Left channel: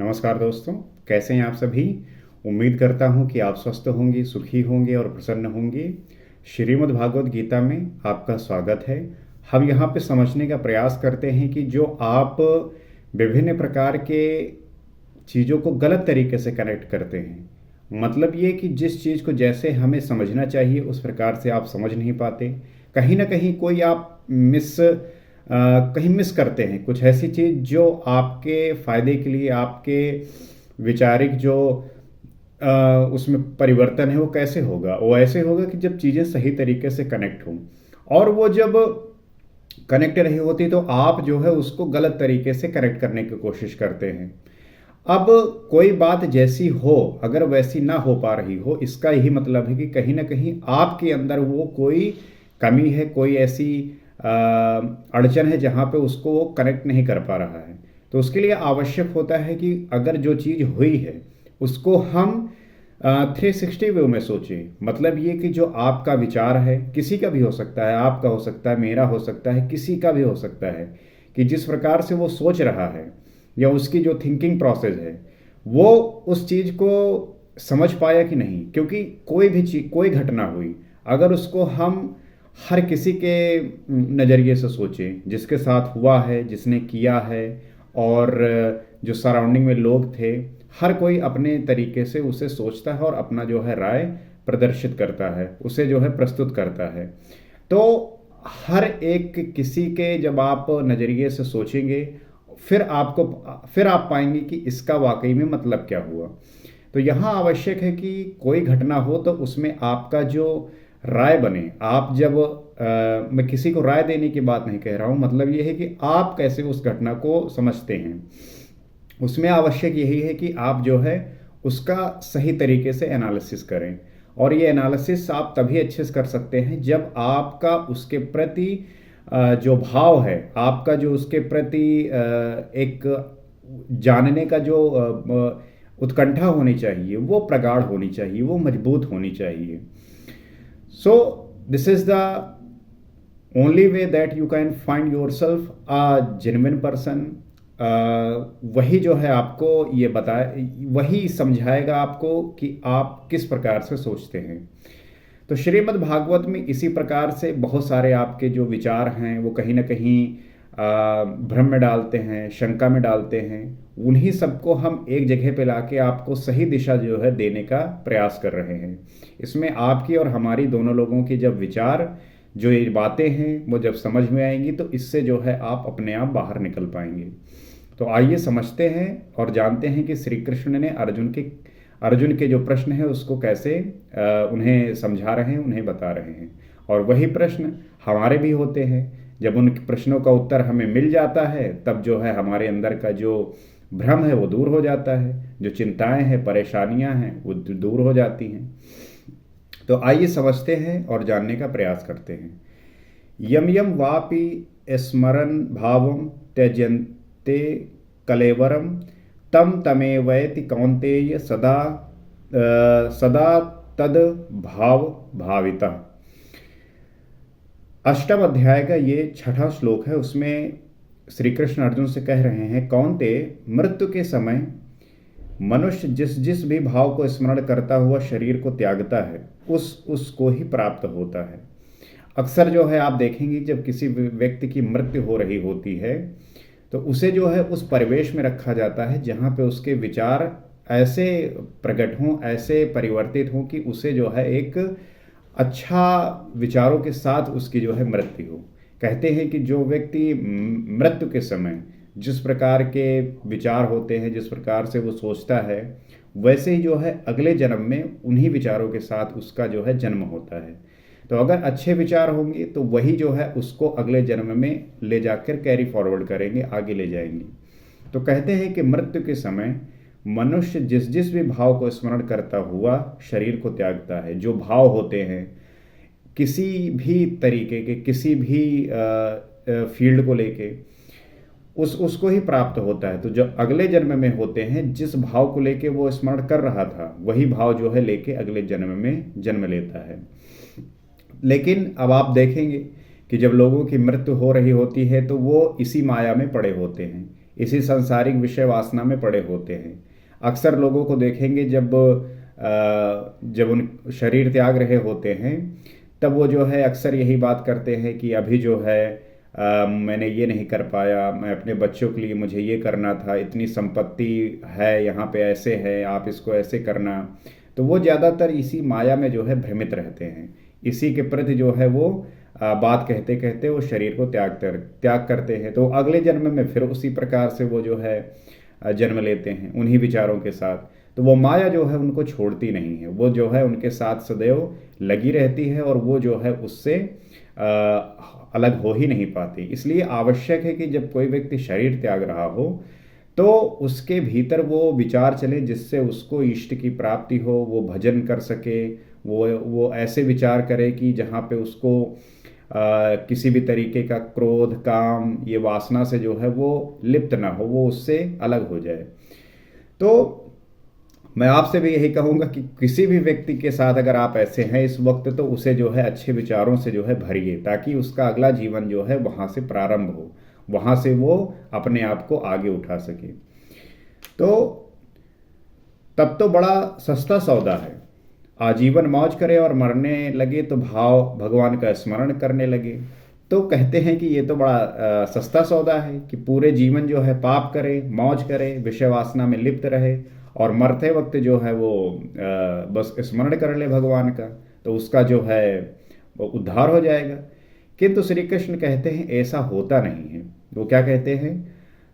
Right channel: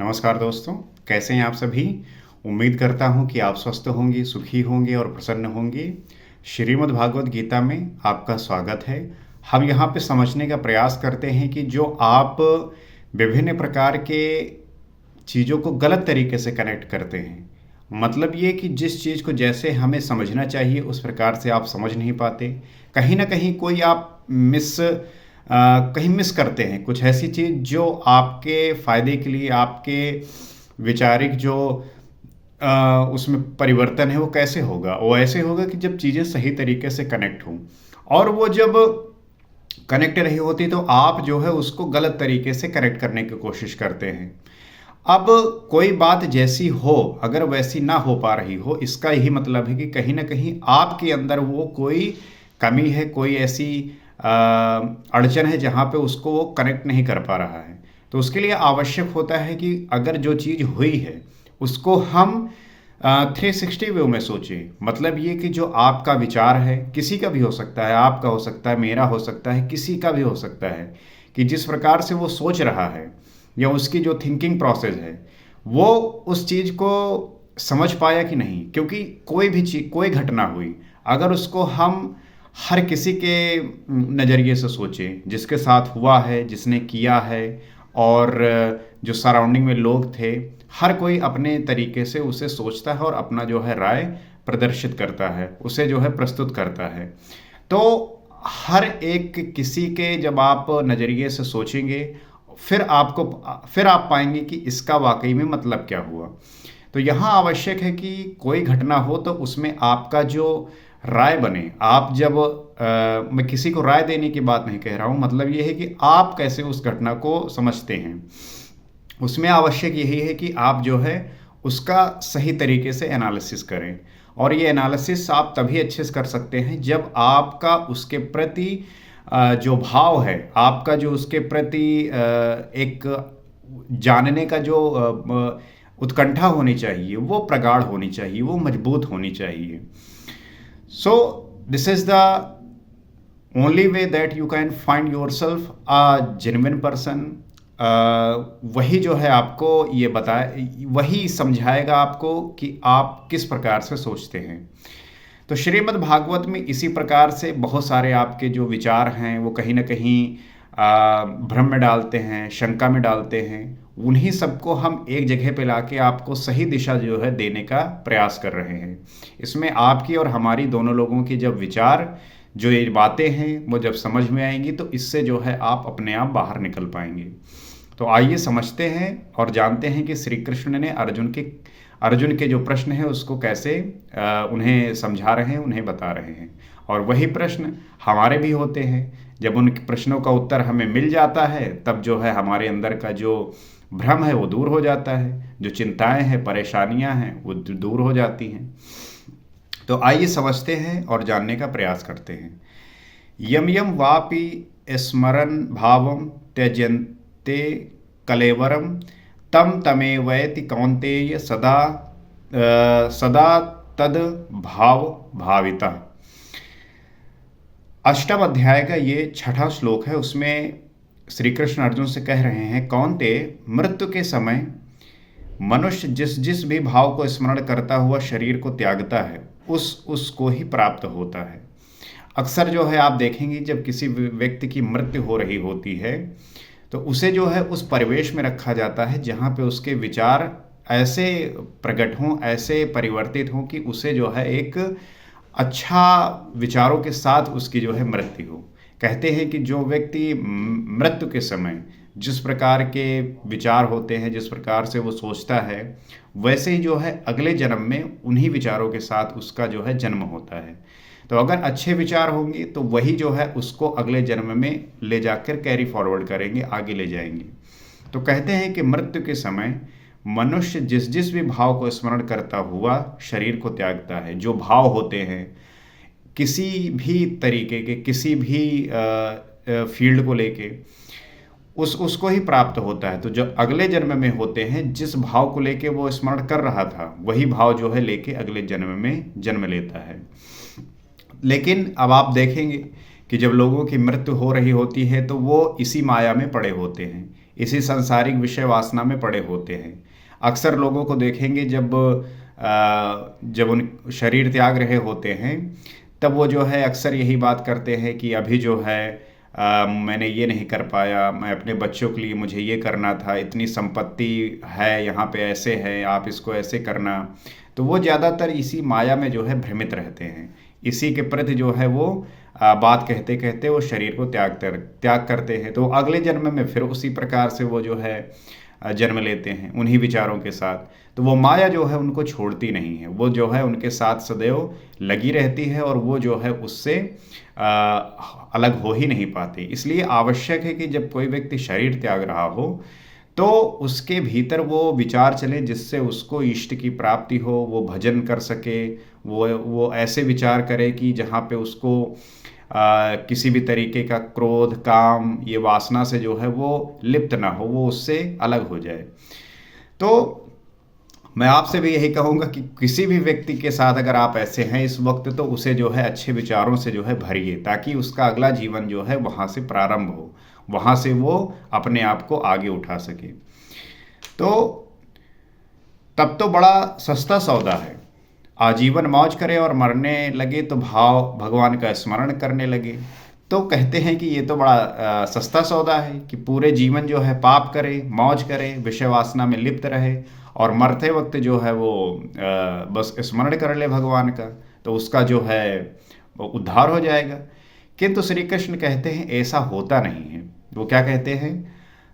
नमस्कार दोस्तों, कैसे हैं आप सभी? उम्मीद करता हूँ कि आप स्वस्थ होंगे, सुखी होंगे और प्रसन्न होंगे। श्रीमद् भागवत गीता में आपका स्वागत है। हम यहाँ पे समझने का प्रयास करते हैं कि जो आप विभिन्न प्रकार के चीज़ों को गलत तरीके से कनेक्ट करते हैं। मतलब ये कि जिस चीज़ को जैसे हमें समझना चाहिए उस प्रकार से आप समझ नहीं पाते। कहीं न कहीं कोई आप कहीं मिस करते हैं कुछ ऐसी चीज़ जो आपके फ़ायदे के लिए आपके वैचारिक जो उसमें परिवर्तन है वो कैसे होगा? वो ऐसे होगा कि जब चीज़ें सही तरीके से कनेक्ट हों और वो जब कनेक्ट नहीं होती तो आप जो है उसको गलत तरीके से कनेक्ट करने की कोशिश करते हैं। अब कोई बात जैसी हो, अगर वैसी ना हो पा रही हो, इसका यही मतलब है कि कहीं न कहीं आपके अंदर वो कोई कमी है, कोई ऐसी अड़चन है जहाँ पे उसको वो कनेक्ट नहीं कर पा रहा है। तो उसके लिए आवश्यक होता है कि अगर जो चीज़ हुई है, उसको हम 360 व्यू में सोचें। मतलब ये कि जो आपका विचार है, किसी का भी हो सकता है, आपका हो सकता है, मेरा हो सकता है, किसी का भी हो सकता है, कि जिस प्रकार से वो सोच रहा है या उसकी जो थिंकिंग प्रोसेस है, वो उस चीज़ को समझ पाया कि नहीं। क्योंकि कोई भी चीज़, कोई घटना हुई, अगर उसको हम हर किसी के नज़रिए से सोचें, जिसके साथ हुआ है, जिसने किया है और जो सराउंडिंग में लोग थे, हर कोई अपने तरीके से उसे सोचता है और अपना जो है राय प्रदर्शित करता है, उसे जो है प्रस्तुत करता है। तो हर एक किसी के जब आप नज़रिए से सोचेंगे, फिर आप पाएँगे कि इसका वाक़ई में मतलब क्या हुआ। तो यहाँ आवश्यक है कि कोई घटना हो तो उसमें आपका जो राय बने, आप जब मैं किसी को राय देने की बात नहीं कह रहा हूँ, मतलब ये है कि आप कैसे उस घटना को समझते हैं। उसमें आवश्यक यही है कि आप जो है उसका सही तरीके से एनालिसिस करें और ये एनालिसिस आप तभी अच्छे से कर सकते हैं जब आपका उसके प्रति जो भाव है, आपका जो उसके प्रति एक जानने का जो उत्कंठा होनी चाहिए, वो प्रगाढ़ होनी चाहिए, वो मजबूत होनी चाहिए। So this is the only way that you can find yourself a genuine person. वही जो है आपको ये बताए, वही समझाएगा आपको कि आप किस प्रकार से सोचते हैं। तो श्रीमद् भागवत में इसी प्रकार से बहुत सारे आपके जो विचार हैं वो कहीं न कहीं भ्रम में डालते हैं, शंका में डालते हैं। उन्हीं सबको हम एक जगह पे लाके आपको सही दिशा जो है देने का प्रयास कर रहे हैं। इसमें आपकी और हमारी दोनों लोगों की जब विचार, जो ये बातें हैं वो जब समझ में आएँगी तो इससे जो है आप अपने आप बाहर निकल पाएँगे। तो आइए समझते हैं और जानते हैं कि श्री कृष्ण ने अर्जुन के जो प्रश्न हैं उसको कैसे उन्हें समझा रहे हैं, उन्हें बता रहे हैं। और वही प्रश्न हमारे भी होते हैं। जब उन प्रश्नों का उत्तर हमें मिल जाता है तब जो है हमारे अंदर का जो भ्रम है वो दूर हो जाता है, जो चिंताएं हैं, परेशानियां हैं वो दूर हो जाती हैं। तो आइए समझते हैं और जानने का प्रयास करते हैं। यम यम वापि स्मरन् भावं त्यजन्ते कलेवरम तम तमेवैति कौन्तेय सदा तद भाव भाविता। अष्टम अध्याय का ये छठा श्लोक है। उसमें श्री कृष्ण अर्जुन से कह रहे हैं, कौन्तेय, मृत्यु के समय मनुष्य जिस जिस भी भाव को स्मरण करता हुआ शरीर को त्यागता है उसको ही प्राप्त होता है। अक्सर जो है आप देखेंगे जब किसी व्यक्ति की मृत्यु हो रही होती है तो उसे जो है उस परिवेश में रखा जाता है जहाँ पे उसके विचार ऐसे प्रकट हों, ऐसे परिवर्तित हों कि उसे जो है एक अच्छा विचारों के साथ उसकी जो है मृत्यु हो। कहते हैं कि जो व्यक्ति मृत्यु के समय जिस प्रकार के विचार होते हैं, जिस प्रकार से वो सोचता है, वैसे ही जो है अगले जन्म में उन्हीं विचारों के साथ उसका जो है जन्म होता है। तो अगर अच्छे विचार होंगे तो वही जो है उसको अगले जन्म में ले जाकर कैरी फॉरवर्ड करेंगे, आगे ले जाएंगे। तो कहते हैं कि मृत्यु के समय मनुष्य जिस जिस भी भाव को स्मरण करता हुआ शरीर को त्यागता है। जो भाव होते हैं किसी भी तरीके के, किसी भी फील्ड को लेके, उसको ही प्राप्त होता है। तो जो अगले जन्म में होते हैं, जिस भाव को लेके वो स्मरण कर रहा था वही भाव जो है लेके अगले जन्म में जन्म लेता है। लेकिन अब आप देखेंगे कि जब लोगों की मृत्यु हो रही होती है तो वो इसी माया में पड़े होते हैं, इसी सांसारिक विषय वासना में पड़े होते हैं। अक्सर लोगों को देखेंगे जब उन शरीर त्याग रहे होते हैं, तब वो जो है अक्सर यही बात करते हैं कि अभी जो है मैंने ये नहीं कर पाया, मैं अपने बच्चों के लिए मुझे ये करना था, इतनी संपत्ति है, यहाँ पे ऐसे है, आप इसको ऐसे करना। तो वो ज़्यादातर इसी माया में जो है भ्रमित रहते हैं। इसी के प्रति जो है वो बात कहते कहते वो शरीर को त्याग करते हैं। तो अगले जन्म में फिर उसी प्रकार से वो जो है जन्म लेते हैं उन्हीं विचारों के साथ। तो वो माया जो है उनको छोड़ती नहीं है, वो जो है उनके साथ सदैव लगी रहती है और वो जो है उससे अलग हो ही नहीं पाती। इसलिए आवश्यक है कि जब कोई व्यक्ति शरीर त्याग रहा हो तो उसके भीतर वो विचार चले जिससे उसको इष्ट की प्राप्ति हो, वो भजन कर सके, वो ऐसे विचार करे कि जहाँ पे उसको किसी भी तरीके का क्रोध, काम, ये वासना से जो है वो लिप्त ना हो, वो उससे अलग हो जाए। तो मैं आपसे भी यही कहूँगा कि किसी भी व्यक्ति के साथ अगर आप ऐसे हैं इस वक्त, तो उसे जो है अच्छे विचारों से जो है भरिए, ताकि उसका अगला जीवन जो है वहाँ से प्रारंभ हो, वहाँ से वो अपने आप को आगे उठा सके। तो तब तो बड़ा सस्ता सौदा है। आजीवन मौज करे और मरने लगे तो भाव भगवान का स्मरण करने लगे। तो कहते हैं कि ये तो बड़ा सस्ता सौदा है कि पूरे जीवन जो है पाप करे, मौज करे, विषय वासना में लिप्त रहे और मरते वक्त जो है वो बस स्मरण कर ले भगवान का, तो उसका जो है वो उद्धार हो जाएगा। किंतु श्री कृष्ण कहते हैं ऐसा होता नहीं है। वो क्या कहते हैं?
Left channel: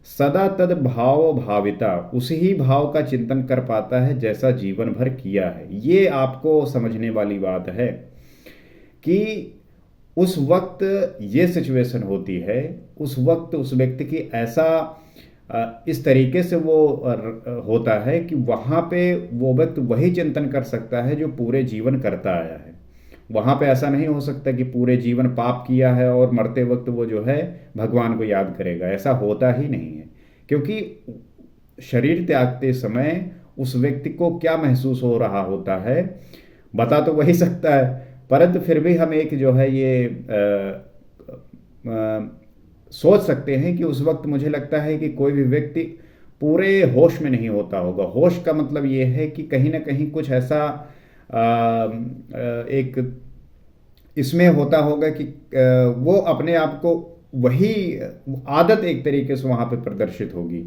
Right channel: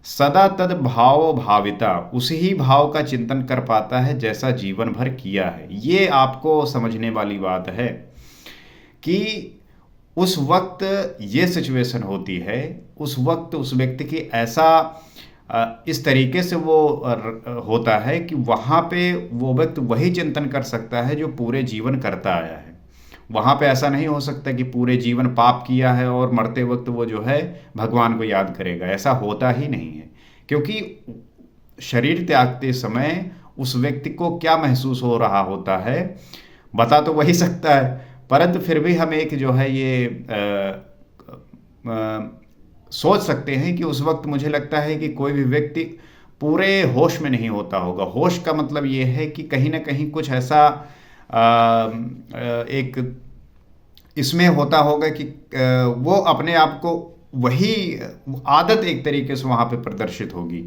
सदा तद भाव भाविता, उसी ही भाव का चिंतन कर पाता है जैसा जीवन भर किया है। ये आपको समझने वाली बात है कि उस वक्त ये सिचुएशन होती है, उस वक्त उस व्यक्ति की ऐसा इस तरीके से वो होता है कि वहाँ पे वो व्यक्ति वही चिंतन कर सकता है जो पूरे जीवन करता आया है। वहाँ पे ऐसा नहीं हो सकता कि पूरे जीवन पाप किया है और मरते वक्त वो जो है भगवान को याद करेगा। ऐसा होता ही नहीं है, क्योंकि शरीर त्यागते समय उस व्यक्ति को क्या महसूस हो रहा होता है बता तो वही सकता है, परंतु फिर भी हम एक जो है ये सोच सकते हैं कि उस वक्त मुझे लगता है कि कोई भी व्यक्ति पूरे होश में नहीं होता होगा। होश का मतलब ये है कि कहीं ना कहीं कुछ ऐसा एक इसमें होता होगा कि वो अपने आप को वही आदत एक तरीके से वहाँ पे प्रदर्शित होगी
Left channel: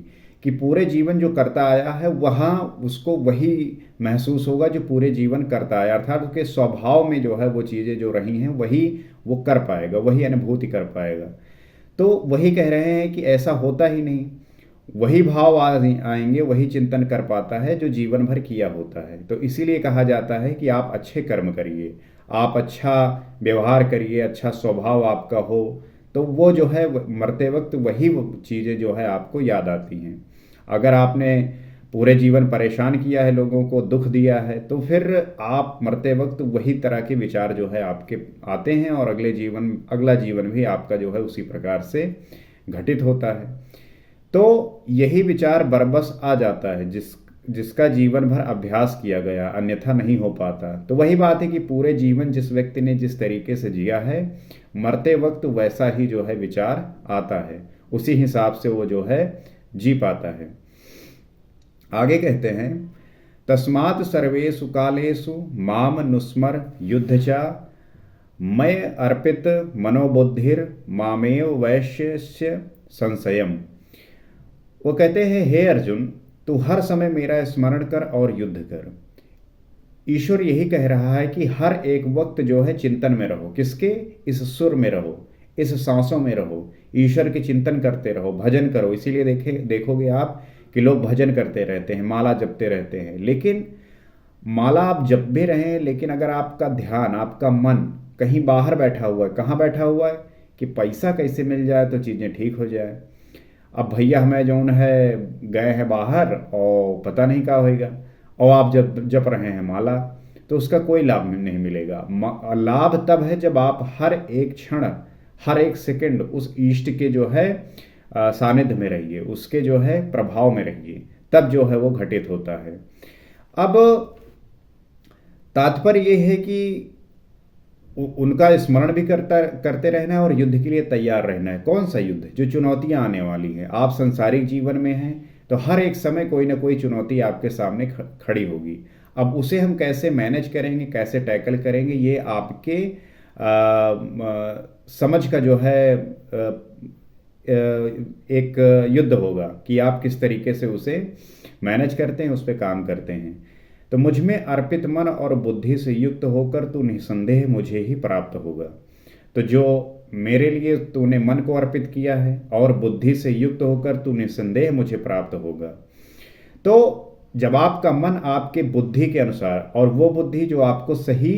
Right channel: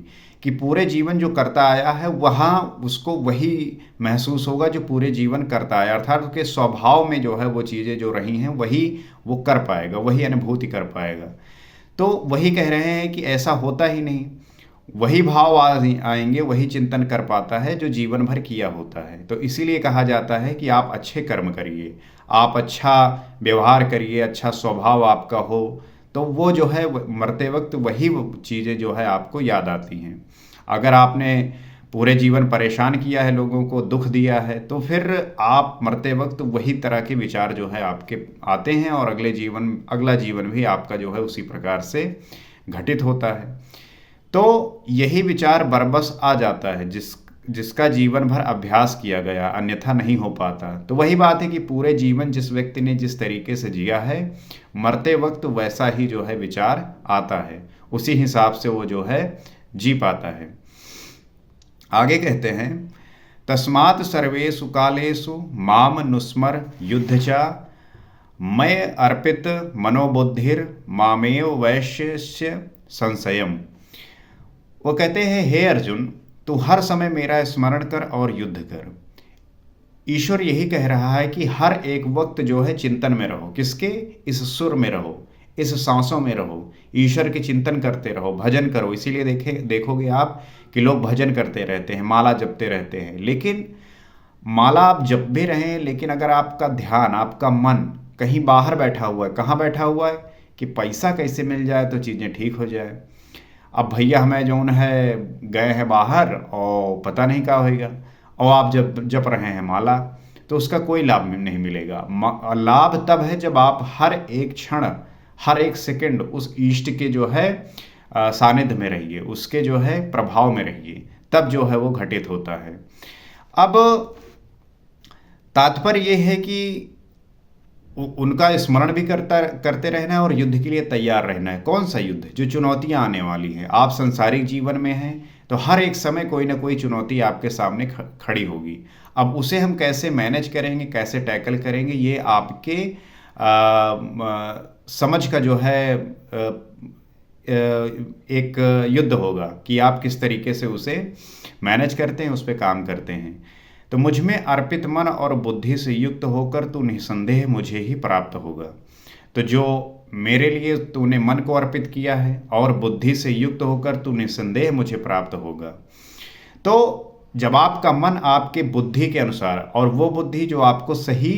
कि पूरे जीवन जो करता आया है वहाँ उसको वही महसूस होगा जो पूरे जीवन करता आया, अर्थात उसके स्वभाव में जो है वो चीज़ें जो रही हैं वही वो कर पाएगा, वही अनुभूति कर पाएगा। तो वही कह रहे हैं कि ऐसा होता ही नहीं, वही भाव आएंगे, वही चिंतन कर पाता है जो जीवन भर किया होता है। तो इसीलिए कहा जाता है कि आप अच्छे कर्म करिए, आप अच्छा व्यवहार करिए, अच्छा स्वभाव आपका हो, तो वो जो है मरते वक्त वही चीज़ें जो है आपको याद आती हैं। अगर आपने पूरे जीवन परेशान किया है, लोगों को दुख दिया है, तो फिर आप मरते वक्त वही तरह के विचार जो है आपके आते हैं और अगला जीवन भी आपका जो है उसी प्रकार से घटित होता है। तो यही विचार बरबस आ जाता है जिसका जीवन भर अभ्यास किया गया, अन्यथा नहीं हो पाता। तो वही बात है कि पूरे जीवन जिस व्यक्ति ने जिस तरीके से जिया है, मरते वक्त वैसा ही जो है विचार आता है, उसी हिसाब से वो जो है जी पाता है। आगे कहते हैं, तस्मात् सर्वेषु कालेषु माम नुस्मर युद्धचा मय अर्पित मनोबुद्धिर मामेव वैश्यस्य संशयम। वो कहते हैं, हे अर्जुन, तू हर समय मेरा स्मरण कर और युद्ध कर। ईश्वर यही कह रहा है कि हर एक वक्त जो है चिंतन में रहो। किसके? इस सुर में रहो, इस सांसों में रहो, ईश्वर के चिंतन करते रहो, भजन करो। इसीलिए देखोगे आप कि लोग भजन करते रहते हैं, माला जपते रहते हैं। लेकिन माला आप जप भी रहें, लेकिन अगर आपका ध्यान, आपका मन कहीं बाहर बैठा हुआ है, कहाँ बैठा हुआ है कि पैसा कैसे मिल जाए तो चीज़ें ठीक हो जाए। अब भैया हमें जौन है गए हैं बाहर और पता नहीं क्या होएगा, और आप जब जप रहे हैं माला, तो उसका कोई लाभ नहीं मिलेगा। लाभ तब है जब आप हर एक क्षण, हर एक सेकंड उस इष्ट के जो है सानिध्य में रहिए, उसके जो है प्रभाव में रहिए, तब जो है वो घटित होता है। अब तात्पर्य ये है कि उनका स्मरण भी करते रहना है और युद्ध के लिए तैयार रहना है। कौन सा युद्ध? जो चुनौतियां आने वाली हैं। आप सांसारिक जीवन में हैं तो हर एक समय कोई ना कोई चुनौती आपके सामने खड़ी होगी। अब उसे हम कैसे मैनेज करेंगे, कैसे टैकल करेंगे, ये आपके समझ का जो है एक युद्ध होगा कि आप किस तरीके से उसे मैनेज करते हैं, उस पर काम करते हैं। तो मुझ में अर्पित मन और बुद्धि से युक्त होकर तू निसंदेह मुझे ही प्राप्त होगा। तो जो मेरे लिए तूने मन को अर्पित किया है और बुद्धि से युक्त होकर तू निसंदेह मुझे प्राप्त होगा। तो जब आपका मन आपके बुद्धि के अनुसार, और वो बुद्धि जो आपको सही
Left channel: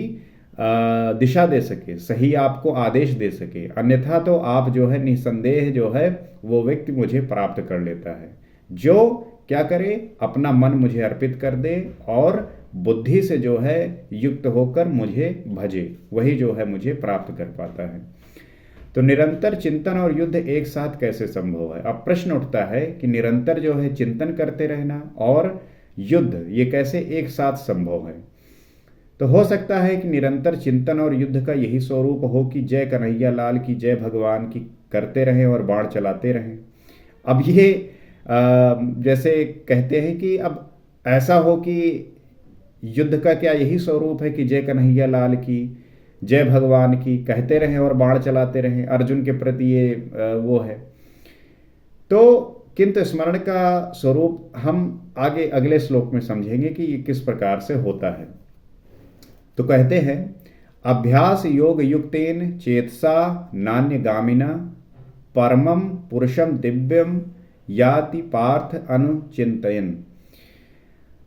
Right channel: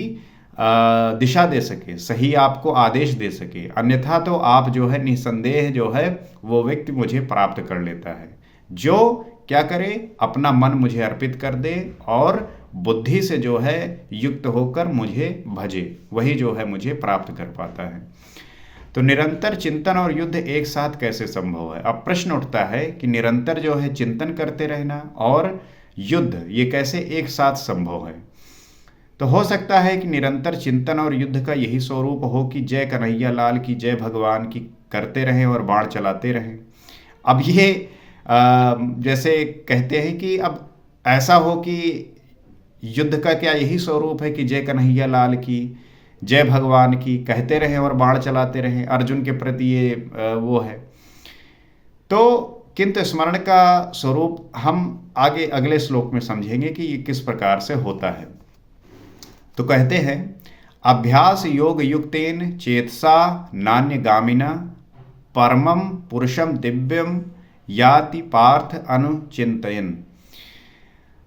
दिशा दे सके, सही आपको आदेश दे सके, अन्यथा तो आप जो है निसंदेह जो है वो व्यक्ति मुझे प्राप्त कर लेता है। जो क्या करे, अपना मन मुझे अर्पित कर दे और बुद्धि से जो है युक्त होकर मुझे भजे, वही जो है मुझे प्राप्त कर पाता है। तो निरंतर चिंतन और युद्ध एक साथ कैसे संभव है? अब प्रश्न उठता है कि निरंतर जो है चिंतन करते रहना और युद्ध, ये कैसे एक साथ संभव है? तो हो सकता है कि निरंतर चिंतन और युद्ध का यही स्वरूप हो कि जय कन्हैया लाल की, जय भगवान की करते रहें और बाण चलाते रहें। अब ये जैसे कहते हैं कि अब ऐसा हो कि युद्ध का क्या यही स्वरूप है कि जय कन्हैया लाल की, जय भगवान की कहते रहें और बाण चलाते रहें? अर्जुन के प्रति ये वो है। तो किंतु स्मरण का स्वरूप हम आगे अगले श्लोक में समझेंगे कि ये किस प्रकार से होता है। तो कहते हैं, अभ्यास योग युक्तेन चेतसा नान्यगामिना परमं पुरुषम दिव्यम याति पार्थ अनुचिंतयन।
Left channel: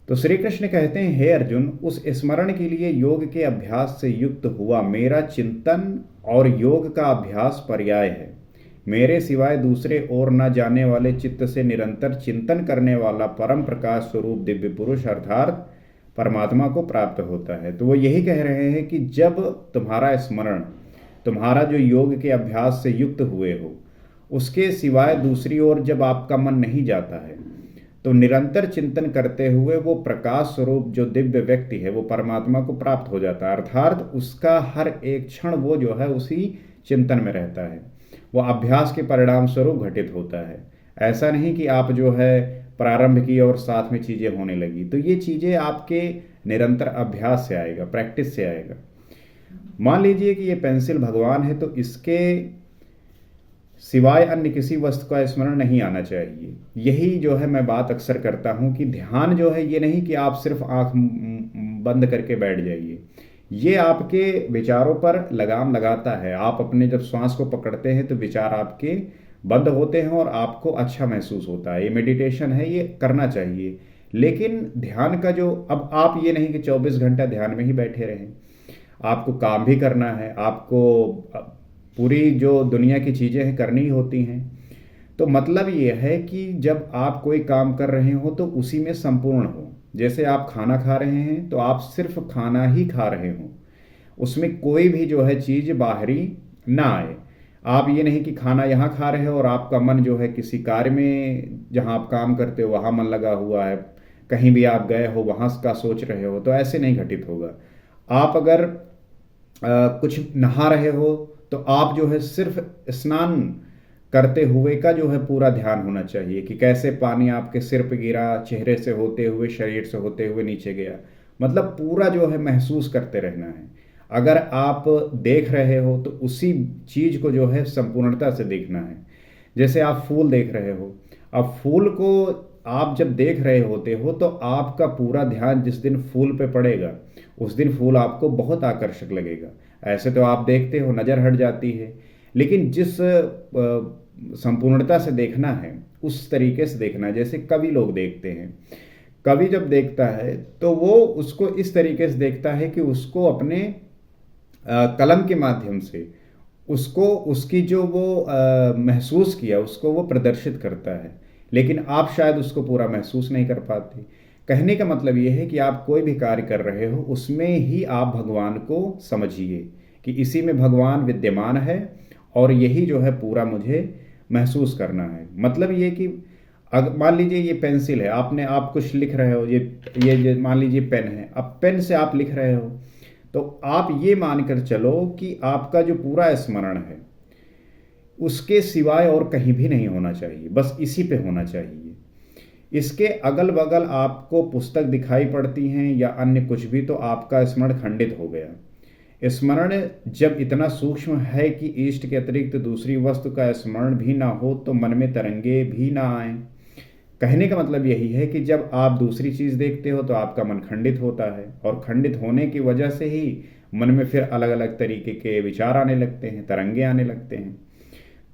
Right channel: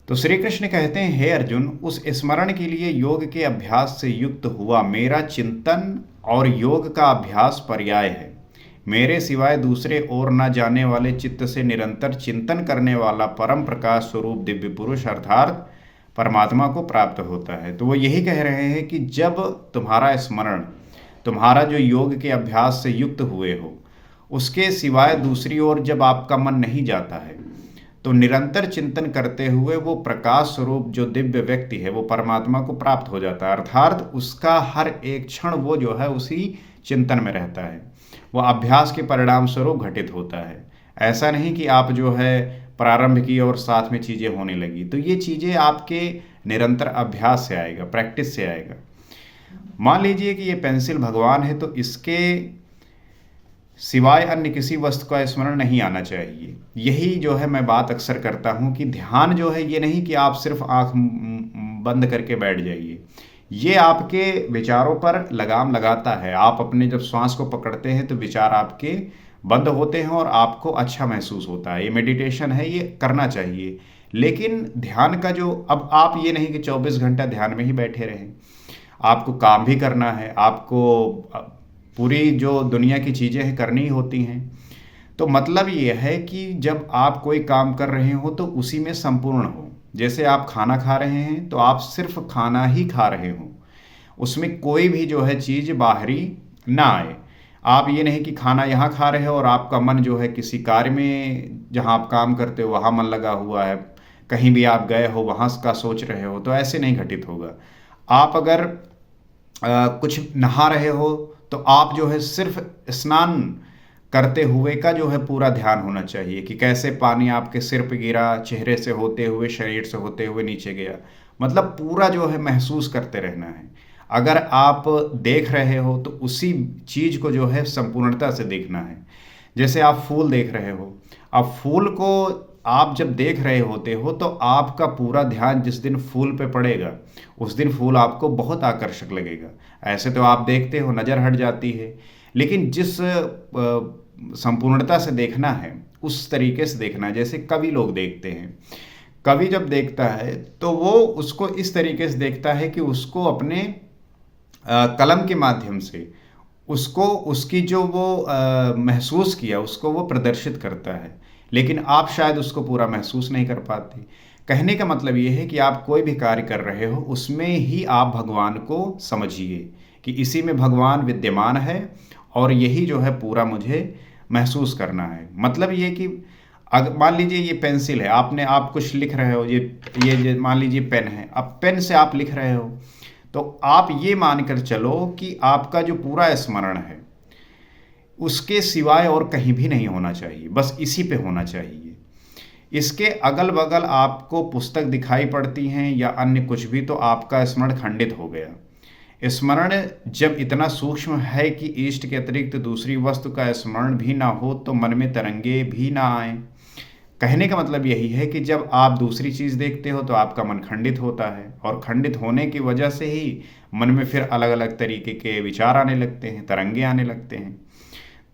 तो श्री कृष्ण कहते हैं, हे अर्जुन, उस स्मरण के लिए योग के अभ्यास से युक्त हुआ मेरा चिंतन और योग का अभ्यास पर्याय है। मेरे सिवाय दूसरे ओर न जाने वाले चित्त से निरंतर चिंतन करने वाला परम प्रकाश स्वरूप दिव्य पुरुष अर्थात परमात्मा को प्राप्त होता है। तो वो यही कह रहे हैं कि जब तुम्हारा स्मरण, तुम्हारा जो योग के अभ्यास से युक्त हुए हो, उसके सिवाय दूसरी ओर जब आपका मन नहीं जाता है, तो निरंतर चिंतन करते हुए वो प्रकाश स्वरूप जो दिव्य व्यक्ति है वो परमात्मा को प्राप्त हो जाता है। अर्थात उसका हर एक क्षण वो जो है उसी चिंतन में रहता है। वो अभ्यास के परिणाम स्वरूप घटित होता है। ऐसा नहीं कि आप जो है प्रारंभ की और साथ में चीज़ें होने लगी। तो ये चीज़ें आपके निरंतर अभ्यास से आएगा, प्रैक्टिस से आएगा। मान लीजिए कि ये पेंसिल भगवान है, तो इसके सिवाय अन्य किसी वस्तु का स्मरण नहीं आना चाहिए। यही जो है मैं बात अक्सर करता हूँ कि ध्यान जो है ये नहीं कि आप सिर्फ आँख बंद करके बैठ जाइए। ये आपके विचारों पर लगाम लगाता है। आप अपने जब श्वास को पकड़ते हैं तो विचार आपके बंद होते हैं और आपको अच्छा महसूस होता है। ये मेडिटेशन है, ये करना चाहिए। लेकिन ध्यान का जो, अब आप ये नहीं कि 24 घंटा ध्यान में ही बैठे रहें, आपको काम भी करना है, आपको पूरी जो दुनिया की चीज़ें हैं करनी ही होती हैं। तो मतलब ये है कि जब आप कोई काम कर रहे हो तो उसी में संपूर्ण हो। जैसे आप खाना खा रहे हैं तो आप सिर्फ खाना ही खा रहे हो, उसमें कोई भी जो है चीज़ बाहरी ना आए। आप ये नहीं कि खाना यहाँ खा रहे हो और आपका मन जो है किसी कार्य में जहाँ आप काम करते हो वहाँ मन लगा हुआ है, कहीं भी आप गए हो वहाँ का सोच रहे हो, तो ऐसे नहीं घटित होगा। आप अगर कुछ नहा रहे हो तो आप जो है सिर्फ स्नान करते हुए का जो है पूरा ध्यान होना चाहिए कि कैसे पानी आपके सिर पे गिरा, चेहरे से होते हुए, शरीर से होते हुए नीचे गया। मतलब पूरा जो है महसूस करते रहना है। अगर आप देख रहे हो तो उसी चीज़ को जो है संपूर्णता से देखना है। जैसे आप फूल देख रहे हो, अब फूल को आप जब देख रहे होते हो तो आपका पूरा ध्यान जिस दिन फूल पे पड़ेगा उस दिन फूल आपको बहुत आकर्षक लगेगा। ऐसे तो आप देखते हो नज़र हट जाती है, लेकिन जिस संपूर्णता से देखना है उस तरीके से देखना है। जैसे कवि लोग देखते हैं, कवि जब देखता है तो वो उसको इस तरीके से देखता है कि उसको अपने कलम के माध्यम से उसको उसकी जो वो महसूस किया उसको वो प्रदर्शित करता है, लेकिन आप शायद उसको पूरा महसूस नहीं कर पाते। कहने का मतलब ये है कि आप कोई भी कार्य कर रहे हो उसमें ही आप भगवान को समझिए कि इसी में भगवान विद्यमान है और यही जो है पूरा मुझे महसूस करना है। मतलब ये कि अगर मान लीजिए ये पेंसिल है, आप कुछ लिख रहे हो, ये मान लीजिए पेन है, अब पेन से आप लिख रहे हो तो आप ये मानकर चलो कि आपका जो पूरा स्मरण है उसके सिवाय और कहीं भी नहीं होना चाहिए, बस इसी पे होना चाहिए। इसके अगल बगल आपको पुस्तक दिखाई पड़ती हैं या अन्य कुछ भी, तो आपका स्मरण खंडित हो गया। स्मरण जब इतना सूक्ष्म है कि इष्ट के अतिरिक्त दूसरी वस्तु का स्मरण भी ना हो तो मन में तरंगे भी ना आए। कहने का मतलब यही है कि जब आप दूसरी चीज़ देखते हो तो आपका मन खंडित होता है, और खंडित होने की वजह से ही मन में फिर अलग अलग तरीके के विचार आने लगते हैं, तरंगे आने लगते हैं।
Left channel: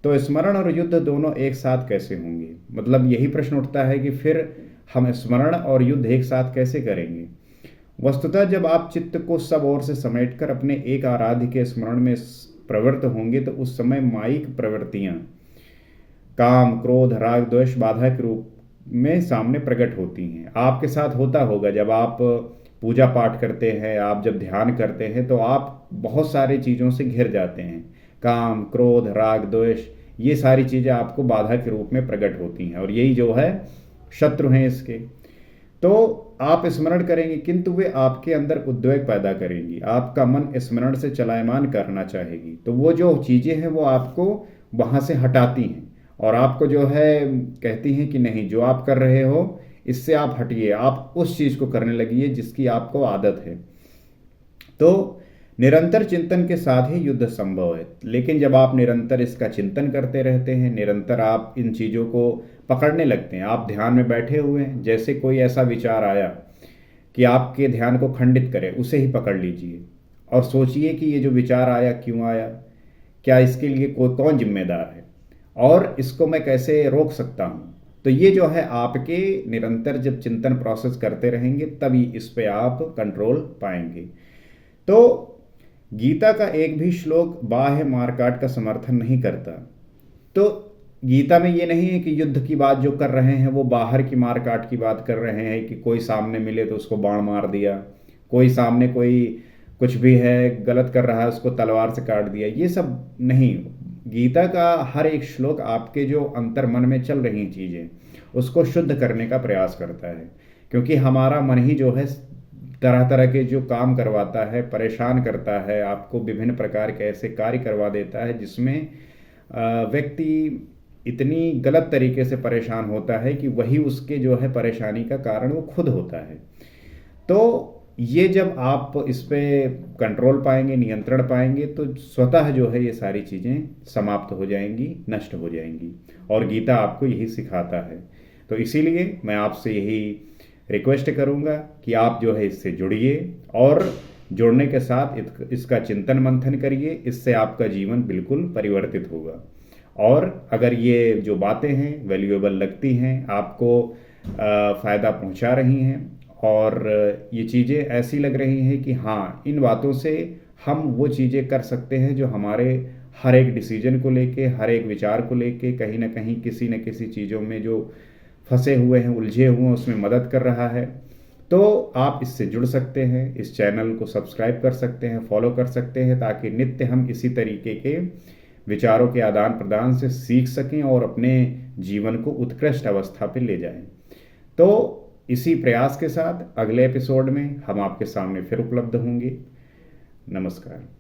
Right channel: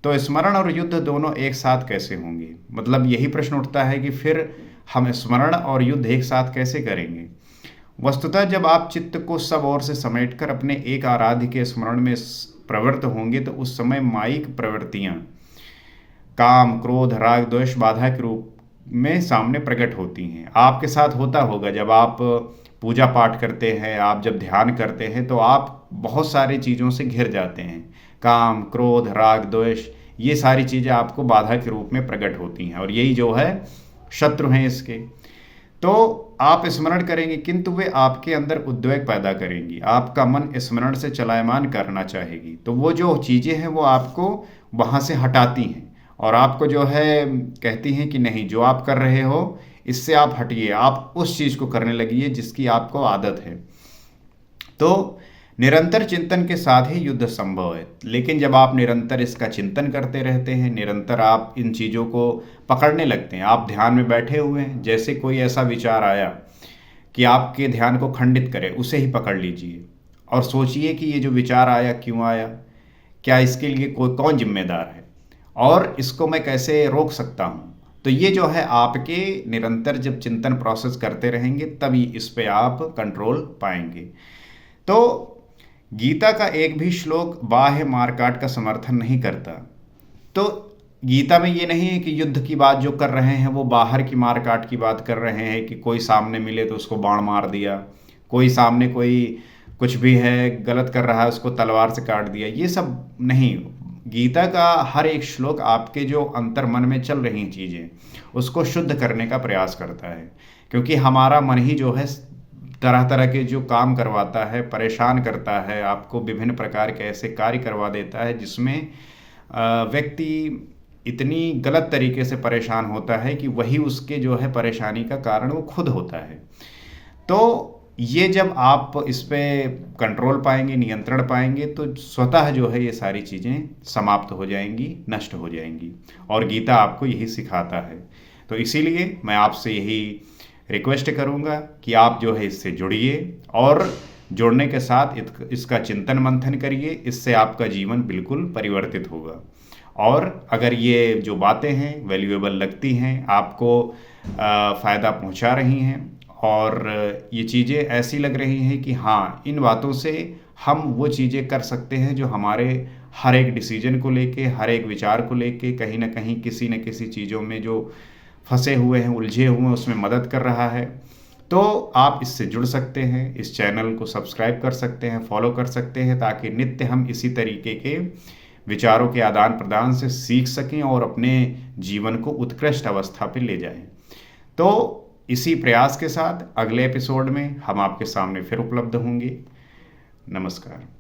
तो स्मरण और युद्ध दोनों एक साथ कैसे होंगे? मतलब यही प्रश्न उठता है कि फिर हम स्मरण और युद्ध एक साथ कैसे करेंगे? वस्तुतः जब आप चित्त को सब ओर से समेटकर अपने एक आराध्य के स्मरण में प्रवृत्त होंगे तो उस समय माइक प्रवृत्तियां काम, क्रोध, राग, द्वेष बाधा के रूप में सामने प्रकट होती हैं। आपके साथ होता होगा जब आप पूजा पाठ करते हैं, आप जब ध्यान करते हैं तो आप बहुत सारी चीज़ों से घिर जाते हैं। काम, क्रोध, राग, द्वेष, ये सारी चीज़ें आपको बाधा के रूप में प्रकट होती हैं, और यही जो है शत्रु हैं इसके। तो आप स्मरण करेंगे किंतु वे आपके अंदर उद्वेग पैदा करेंगी, आपका मन स्मरण से चलायमान करना चाहेगी, तो वो जो चीज़ें हैं वो आपको वहाँ से हटाती हैं और आपको जो है कहती हैं कि नहीं, जो आप कर रहे हो इससे आप हटिए, आप उस चीज़ को करने लगिए जिसकी आपको आदत है। तो निरंतर चिंतन के साथ ही युद्ध संभव है, लेकिन जब आप निरंतर इसका चिंतन करते रहते हैं, निरंतर आप इन चीज़ों को पकड़ने लगते हैं, आप ध्यान में बैठे हुए हैं, जैसे कोई ऐसा विचार आया कि आपके ध्यान को खंडित करे, उसे ही पकड़ लीजिए और सोचिए कि ये जो विचार आया क्यों आया, क्या इसके लिए कोई कौन जिम्मेदार है और इसको मैं कैसे रोक सकता हूँ। तो ये जो है आपके निरंतर जब चिंतन प्रोसेस करते रहेंगे तभी इस पे आप कंट्रोल पाएंगे। तो गीता का एक भी श्लोक बाह्य मारकाट का समर्थन नहीं करता। तो गीता में ये नहीं है कि युद्ध की बात जो कर रहे हैं वो बाहर की मारकाट की बात कर रहे हैं कि कोई सामने मिले तो उसको बाण मार दिया, कोई सामने कोई कुछ भी है गलत कर रहा है उसको तलवार से काट दिया, ये सब नहीं। गीता का हर एक श्लोक आपके जो अंतर मन में चल रही चीज़ें उसको शुद्ध करने का प्रयास करता है, क्योंकि हमारा मन ही जो है तरह तरह के जो काम करवाता है, परेशान करता है, आपको विभिन्न प्रकार के ऐसे कार्य करवा देता है जिसमें व्यक्ति इतनी गलत तरीके से परेशान होता है कि वही उसके जो है परेशानी का कारण वो खुद होता है। तो ये जब आप इस पे कंट्रोल पाएंगे, नियंत्रण पाएंगे, तो स्वतः जो है ये सारी चीज़ें समाप्त हो जाएंगी, नष्ट हो जाएंगी, और गीता आपको यही सिखाता है। तो इसीलिए मैं आपसे यही रिक्वेस्ट करूंगा कि आप जो है इससे जुड़िए और जुड़ने के साथ इसका चिंतन मंथन करिए, इससे आपका जीवन बिल्कुल परिवर्तित होगा। और अगर ये जो बातें हैं वैल्यूएबल लगती हैं, आपको फ़ायदा पहुंचा रही हैं और ये चीज़ें ऐसी लग रही हैं कि हाँ, इन बातों से हम वो चीज़ें कर सकते हैं जो हमारे हर एक डिसीजन को लेके, हर एक विचार को लेके कहीं ना कहीं किसी न किसी चीज़ों में जो फंसे हुए हैं, उलझे हुए हैं, उसमें मदद कर रहा है, तो आप इससे जुड़ सकते हैं। इस चैनल को सब्सक्राइब कर सकते हैं, फॉलो कर सकते हैं, ताकि नित्य हम इसी तरीके के विचारों के आदान प्रदान से सीख सकें और अपने जीवन को उत्कृष्ट अवस्था पे ले जाएं। तो इसी प्रयास के साथ अगले एपिसोड में हम आपके सामने फिर उपलब्ध होंगे। नमस्कार।